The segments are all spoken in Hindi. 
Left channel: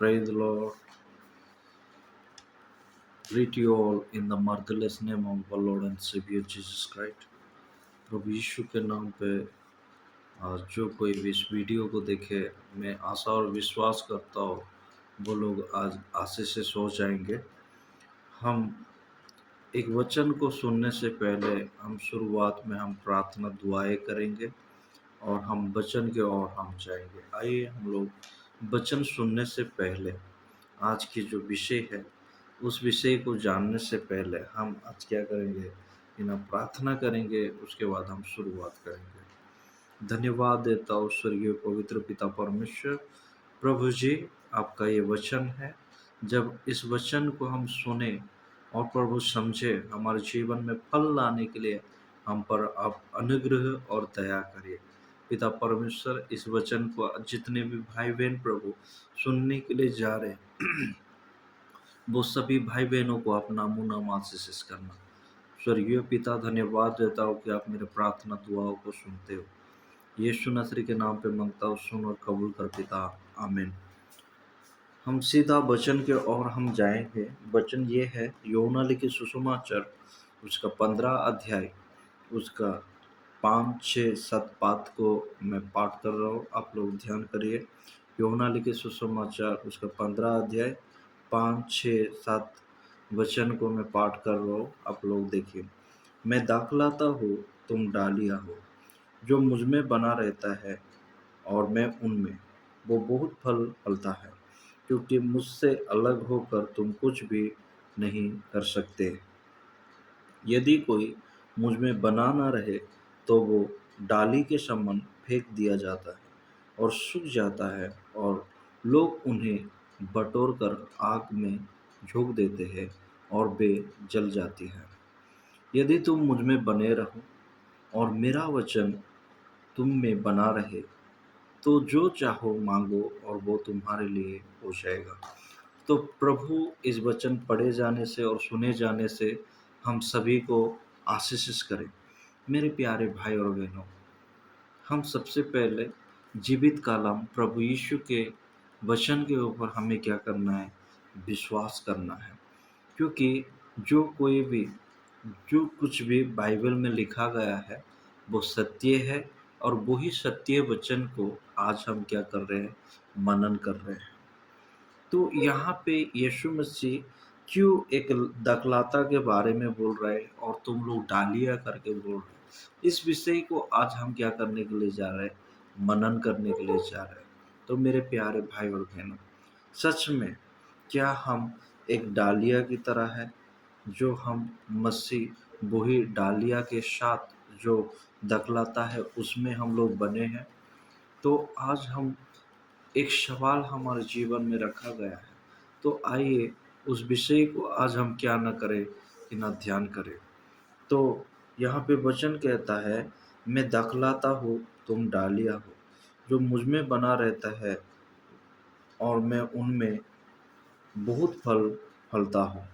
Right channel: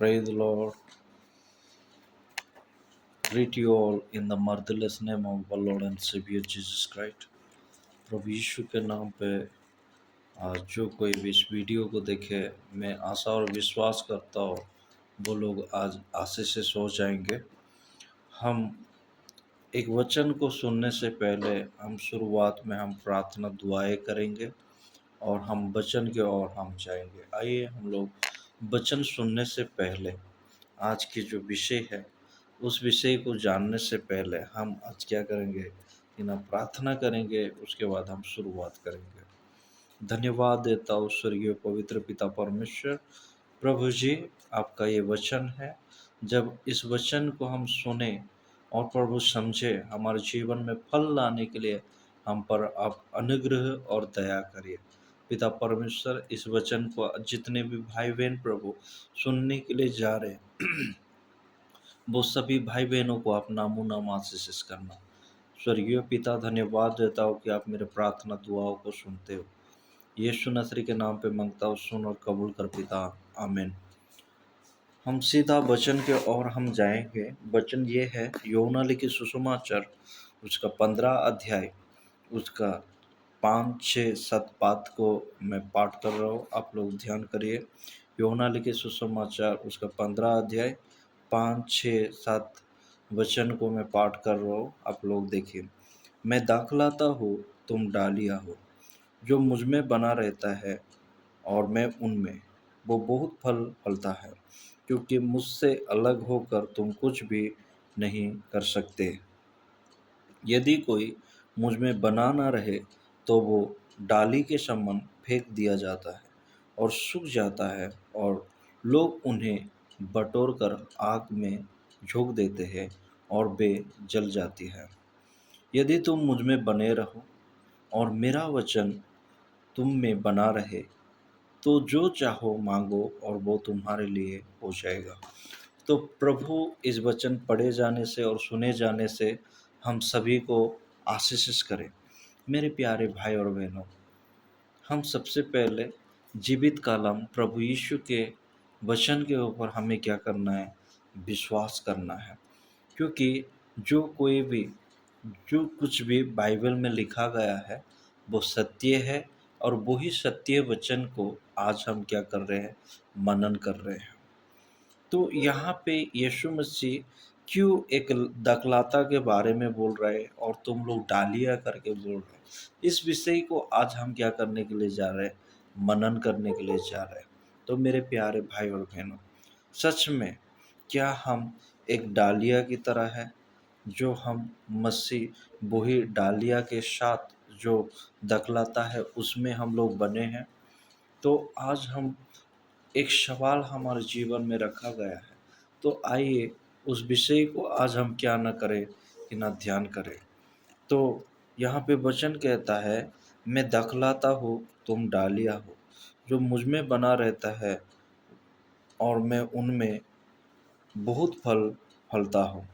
Praise the Lord. Greet you all in the marvelous name of our Lord and Savior Jesus Christ. प्रभु यीशु के नाम पे आज जो कोई भी इस वीडियो को देखे, मैं आशा और विश्वास करता हूँ वो लोग आज आशीषित हो जाएंगे। हम एक वचन को सुनने से पहले हम शुरुआत में हम प्रार्थना दुआएं करेंगे और हम वचन की ओर हम जाएंगे। आइए हम लोग वचन सुनने से पहले आज की जो विषय है उस विषय को जानने से पहले हम आज क्या करेंगे कि ना प्रार्थना करेंगे, उसके बाद हम शुरुआत करेंगे। धन्यवाद देता हूँ स्वर्गीय पवित्र पिता परमेश्वर। प्रभु जी, आपका ये वचन है, जब इस वचन को हम सुने और प्रभु समझे, हमारे जीवन में फल लाने के लिए हम पर आप अनुग्रह और दया करिए। पिता परमेश्वर, इस वचन को जितने भी भाई बहन प्रभु सुनने के लिए जा रहे हैं वो सभी भाई बहनों को आप नामो नाम आशीष करना। स्वर्गीय पिता, धन्यवाद देता हूँ कि आप मेरे प्रार्थना दुआओं को सुनते हो। यीशु नसरी के नाम पे मांगता हूँ, सुन और कबूल कर पिता, आमीन। हम सीधा वचन के ओर हम जाएंगे। वचन ये है यूहन्ना लिखित सुसमाचार उसका 15 अध्याय उसका 5, 6, 7 पाठ को मैं पाठ कर रहा हूँ, आप लोग ध्यान करिए। यूहन्ना लिखित सुसमाचार उसका 15 अध्याय 5, 6, 7 वचन को मैं पाठ कर रहा हूँ, आप लोग देखिए। मैं दाखलाता हूँ, तुम डालियाँ हो। जो मुझ में बना रहता है और मैं उनमें, वो बहुत फल फलता है, क्योंकि मुझसे अलग होकर तुम कुछ भी नहीं कर सकते। यदि कोई मुझ में बना ना रहे तो वो डाली के समान फेंक दिया जाता है और सूख जाता है, और लोग उन्हें बटोर कर आग में झोंक देते हैं और वे जल जाती है। यदि तुम मुझ में बने रहो और मेरा वचन तुम में बना रहे तो जो चाहो मांगो और वो तुम्हारे लिए हो जाएगा। तो प्रभु इस वचन पढ़े जाने से और सुने जाने से हम सभी को आशीषित करें। मेरे प्यारे भाई और बहनों, हम सबसे पहले जीवित कालम प्रभु यीशु के वचन के ऊपर हमें क्या करना है? विश्वास करना है। क्योंकि जो कुछ भी बाइबल में लिखा गया है वो सत्य है, और वही सत्य वचन को आज हम क्या कर रहे हैं? मनन कर रहे हैं। तो यहाँ पे यीशु मसीह क्यों एक दखलाता के बारे में बोल रहे हैं और तुम लोग डालिया करके बोल रहे हैं? इस विषय को आज हम क्या करने के लिए जा रहे हैं? मनन करने के लिए जा रहे हैं। तो मेरे प्यारे भाई और बहनों, सच में क्या हम एक डालिया की तरह है, जो हम मसीह वही डालिया के साथ जो दखलाता है उसमें हम लोग बने हैं? तो आज हम एक सवाल हमारे जीवन में रखा गया है। तो आइए उस विषय को आज हम क्या न करें कि ना ध्यान करें। तो यहाँ पे वचन कहता है, मैं दखलाता हूँ, तुम डालिया हो। जो मुझ में बना रहता है और मैं उनमें, बहुत फल फलता हूँ।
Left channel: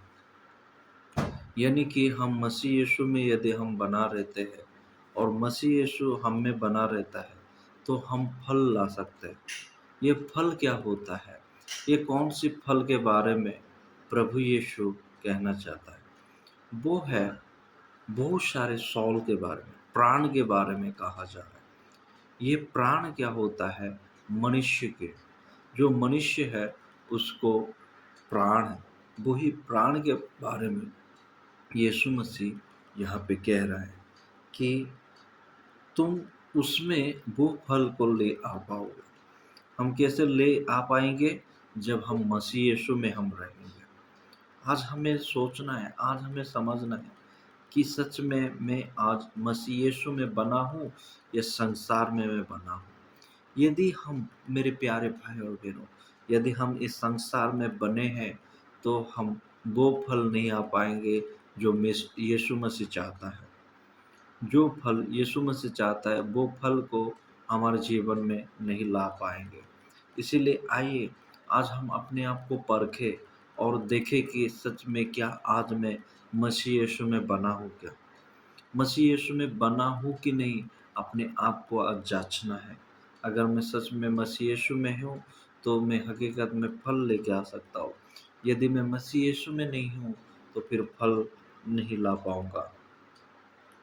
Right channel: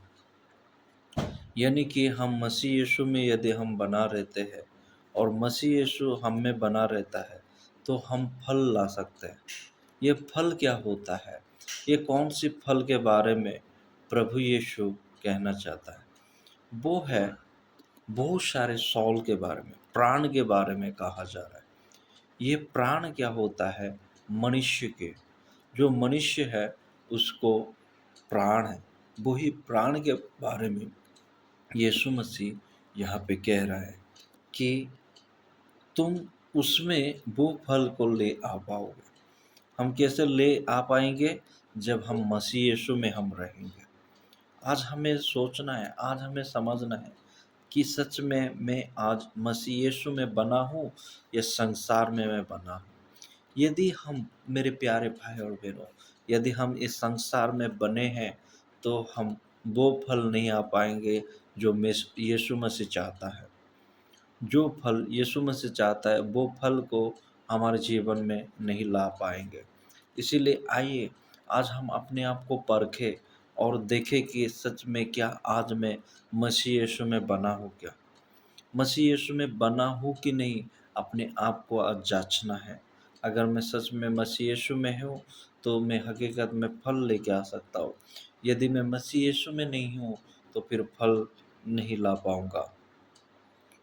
यानी कि हम मसीह यीशु में यदि हम बना रहते हैं और मसीह यीशु हम में बना रहता है तो हम फल ला सकते हैं। ये फल क्या होता है? ये कौन सी फल के बारे में प्रभु यीशु कहना चाहता है? वो है बहुत सारे सौल के बारे में, प्राण के बारे में कहा जा रहा है। ये प्राण क्या होता है? मनुष्य के, जो मनुष्य है उसको प्राण है। वही प्राण के बारे में यीशु मसीह यहाँ पे कह रहा है कि तुम उसमें वो फल को ले आ पाओगे। हम कैसे ले आ पाएंगे? जब हम मसीह यीशु में हम रहेंगे। आज हमें सोचना है, आज हमें समझना है कि सच में मैं आज मसीह यीशु में बना हूँ या संसार में मैं बना हूँ। यदि हम, मेरे प्यारे भाई और बहनों, यदि हम इस संसार में बने हैं तो हम वो फल नहीं आ पाएंगे जो यीशु मसीह चाहता है। जो फल यीशु मसीह चाहता है वो फल को हमारे जीवन में नहीं ला पाएंगे। इसीलिए आइए आज हम अपने आप को परखें और देखें कि सच में क्या आज मैं मसीह यीशु में बना हूँ क्या? मसीह यीशु में बना हूँ कि नहीं, अपने आप को आज जांचना है। अगर मैं सच में मसीह यीशु में हूँ तो मैं हकीकत में फल लेके आ सकता हूँ। यदि मैं मसीह यीशु में नहीं हूँ, तो फिर फल नहीं ला पाऊँगा,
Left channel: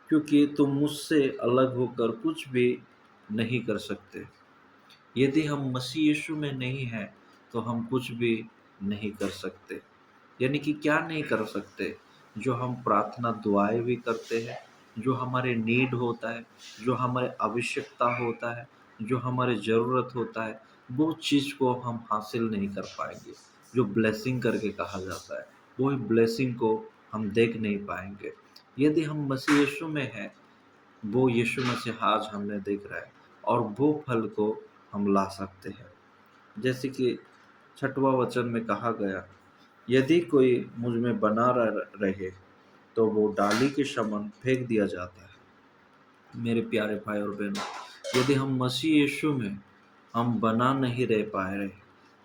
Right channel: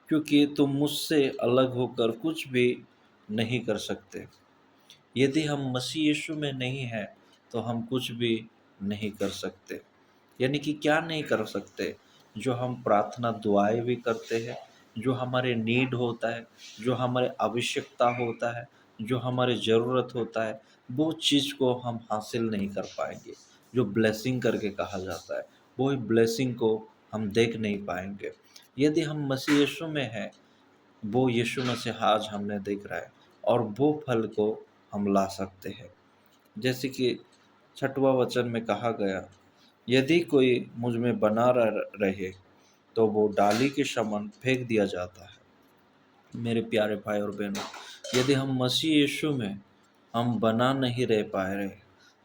क्योंकि तुम मुझसे अलग होकर कुछ भी नहीं कर सकते। यदि हम मसीह यीशु में नहीं हैं, तो हम कुछ भी नहीं कर सकते। यानी कि क्या नहीं कर सकते? जो हम प्रार्थना दुआएँ भी करते हैं, जो हमारे नीड होता है, जो हमारे आवश्यकता होता है, जो हमारे ज़रूरत होता है, वो चीज़ को हम हासिल नहीं कर पाएँगे। जो ब्लेसिंग करके कहा जाता है, वो ब्लेसिंग को हम देख नहीं पाएँगे। यदि हम मसीह यीशु में हैं, वो यीशु मसीह आज हमें दिख रहा है और वो फल को हम ला सकते हैं। जैसे कि 6वां वचन में कहा गया, यदि कोई मुझ में बना रहे, तो वो डाली के समान फेंक दिया जाता है। मेरे प्यारे भाई और बहनों, यदि हम मसीह यीशु में हम बना नहीं रह पा रहे,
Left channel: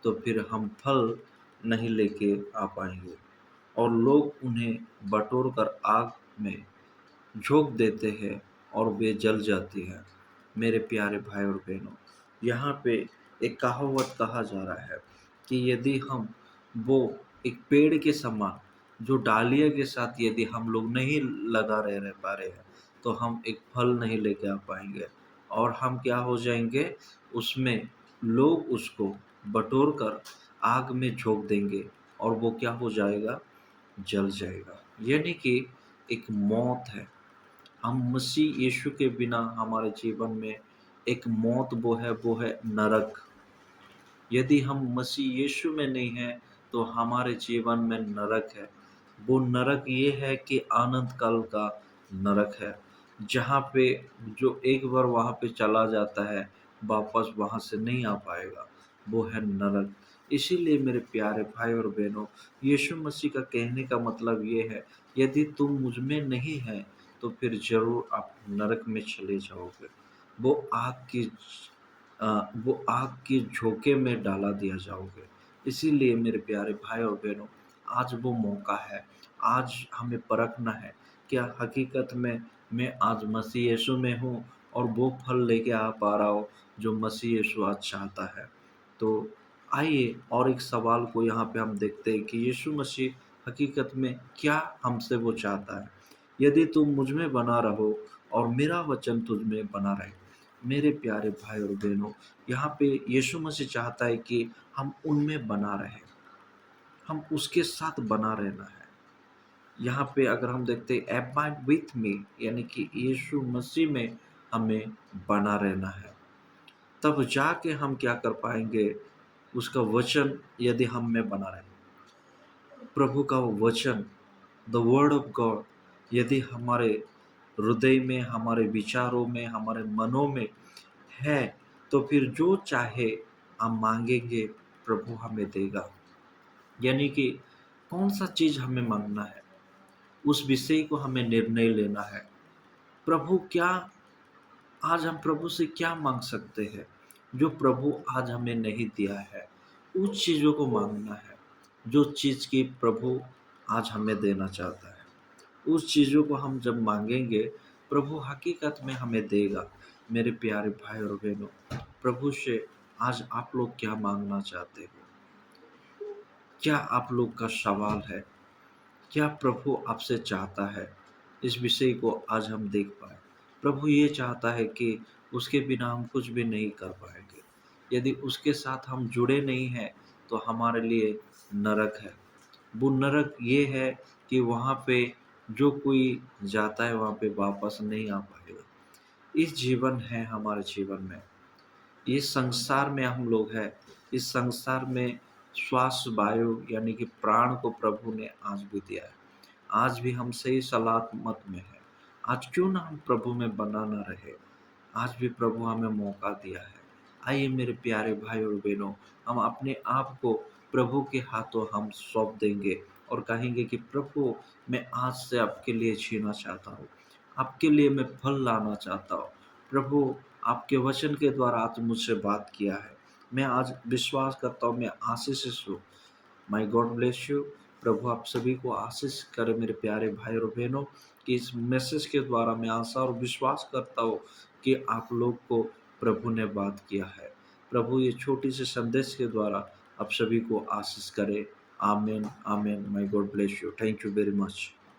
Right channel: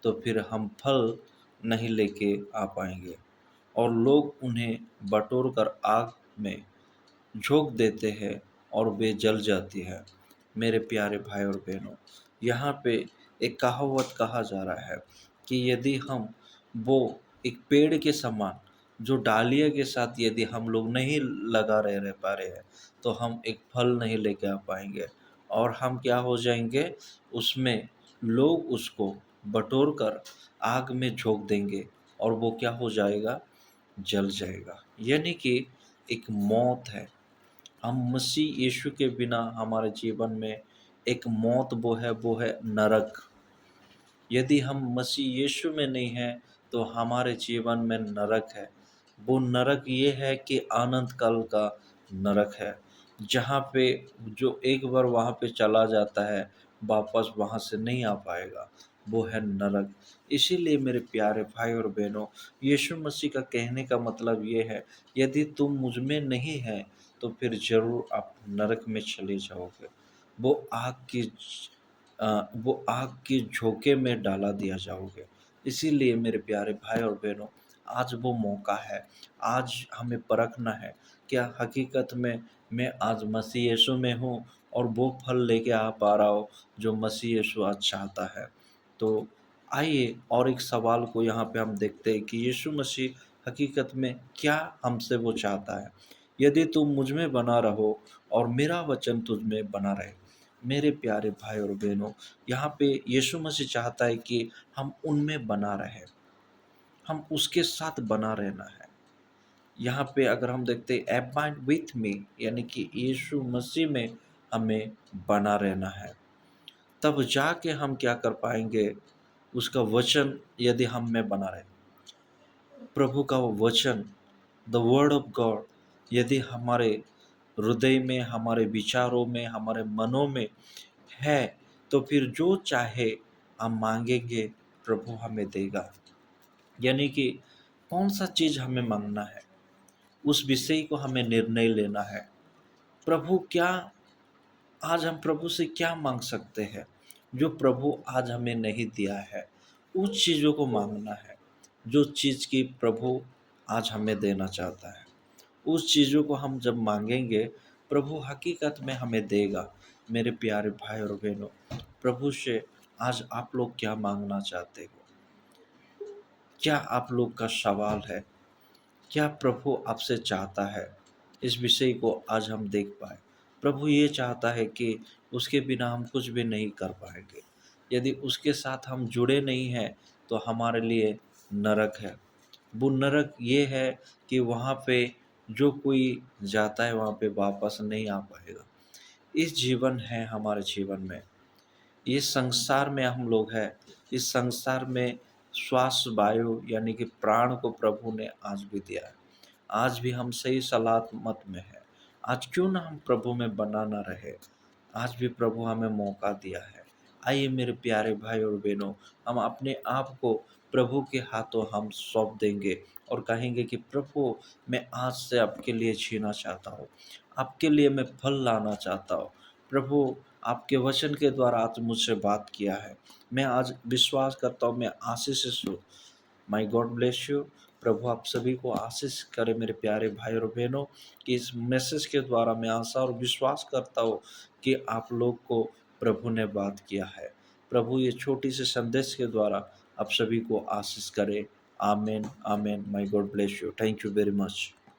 तो फिर हम फल नहीं लेके आ पाएंगे और लोग उन्हें बटोर कर आग में झोंक देते हैं और वे जल जाती है। मेरे प्यारे भाई और बहनों, यहाँ पे एक कहावत कहा जा रहा है कि यदि हम वो एक पेड़ के समान जो डालियों के साथ यदि हम लोग नहीं लगा रह पा रहे हैं, तो हम एक फल नहीं लेके आ पाएंगे और हम क्या हो जाएंगे, उसमें लोग उसको बटोर कर आग में झोंक देंगे और वो क्या हो जाएगा, जल जाएगा। यानी कि एक मौत है। हम मसीह यीशु के बिना हमारे जीवन में एक मौत, वो है नरक। यदि हम मसीह यीशु में नहीं हैं, तो हमारे जीवन में नरक है। वो नरक ये है कि अनंत काल का नरक है, जहाँ पे जो एक बार वहाँ पे चला जाता है, वापस वहाँ से नहीं आ पाएगा। वो है नरक। इसीलिए मेरे प्यारे भाई और बहनों, यीशु मसीह का कहने का मतलब ये है, यदि तुम मुझ में नहीं हैं, तो फिर ज़रूर आप नरक में चले जाओगे। वो आग की वो आग के झोंके में डाला दिया जाओगे। इसीलिए मेरे प्यारे भाई और बहनों, आज वो मौका है, आज हमें परखना है, क्या हकीकत में मैं आज मसीह यीशु में हूँ और वो फल लेके आ पा रहा हूँ, जो मसीह यीशु आज चाहता है। तो आइए और एक सवाल को यहाँ पे हम देखते हैं कि यीशु मसीह हकीकत में क्या हमसे वो चाहता है। यदि तुम मुझ में बना रहो और मेरा वचन तुझ में बना रहे। मेरे प्यारे भाई और बहनों, यहाँ पे यीशु मसीह चाहता है कि हम उनमें बना रहें, हम उसके साथ बना रहना है। यहाँ पे अगर हम देखते हैं अबाइड विथ मी, यानी कि यीशु मसीह में हमें बना रहना है। तब जाके हम क्या कर पाएँगे, उसका वचन यदि हम में बना रहे। प्रभु का वचन, द वर्ड ऑफ गॉड, यदि हमारे हृदय में, हमारे विचारों में, हमारे मनों में है, तो फिर जो चाहे हम माँगेंगे, प्रभु हमें देगा। यानी कि कौन-सा चीज़ हमें माँगना है, उस विषय को हमें निर्णय लेना है। प्रभु क्या, आज हम प्रभु से क्या माँग सकते हैं, जो प्रभु आज हमें नहीं दिया है? उस चीज़ों को माँगना है, जो चीज़ की प्रभु आज हमें देना चाहता है। उस चीज़ों को हम जब माँगेंगे, प्रभु हकीकत में हमें देगा। मेरे प्यारे भाई और बहनों, प्रभु से आज आप लोग क्या माँगना चाहते हो? क्या आप लोग का सवाल है? क्या प्रभु आपसे चाहता है? इस विषय को आज हम देख पाएँ। प्रभु ये चाहता है कि उसके बिना हम कुछ भी नहीं कर पाएँगे। यदि उसके साथ हम जुड़े नहीं हैं, तो हमारे लिए नरक है। वो नरक ये है कि वहाँ पे जो कोई जाता है, वहाँ पे वापस नहीं आ पाएगा। इस जीवन है हमारे जीवन में। इस संसार में हम लोग हैं, इस संसार में श्वास वायु यानी कि प्राण को प्रभु ने आज भी दिया है। आज भी हम सही सलामत में हैं। आज क्यों ना हम प्रभु में बना ना रहे? आज भी प्रभु हमें मौका दिया है। आइए मेरे प्यारे भाई और बहनों, हम अपने आप को प्रभु के हाथों हम सौंप देंगे और कहेंगे कि प्रभु, मैं आज से आपके लिए जीना चाहता हूँ। आपके लिए मैं फल लाना चाहता हूँ। प्रभु, आपके वचन के द्वारा आज मुझसे बात किया है। मैं आज विश्वास करता हूँ, मैं आशीषित हूँ। May God bless you. प्रभु आप सभी को आशीष करे मेरे प्यारे भाई और बहनों, कि इस मैसेज के द्वारा मैं आशा और विश्वास करता हूँ कि आप लोग को प्रभु ने बात किया है। प्रभु ये छोटी सी संदेश के द्वारा आप सभी को आशीष करे। आमेन, आमेन। May God bless you. Thank you very much.